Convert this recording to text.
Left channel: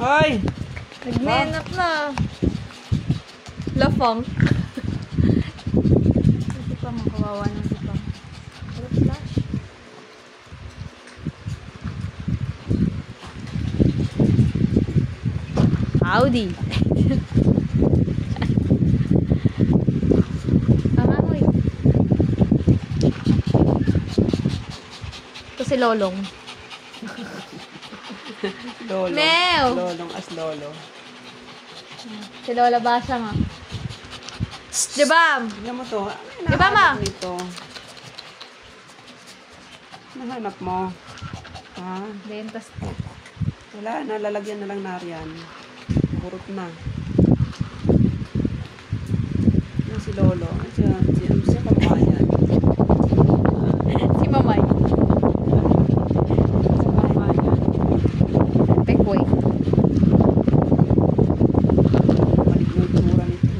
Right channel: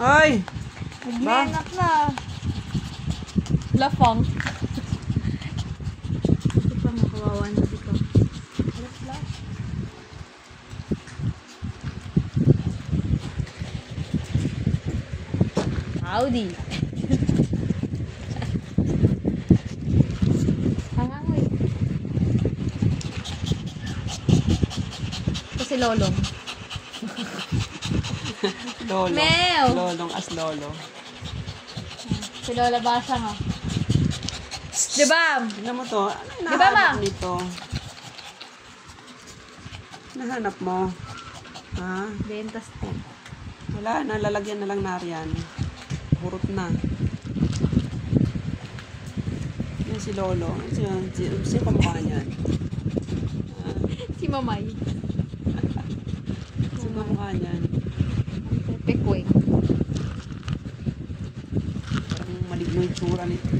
Ay! Nagmenak na. Lafang. Ito pa, makawawa na ito pa. Wala flash. Howdy. Angamoy. Ito si Lolong. Lolo. Neo. Lolong as lolo. Si Lola Basha nga. Diba? Tignan mo to. Ano Diba, ma? hinahanap nito? Nahanap mo? Ha? Bentas. Wala na. Lalagyan na lang nariyan. Burot na. Yan si Lolo. Si Pamayan. Si Mamay. Si Pamayan. Pekoy. Maligno yung tura nito.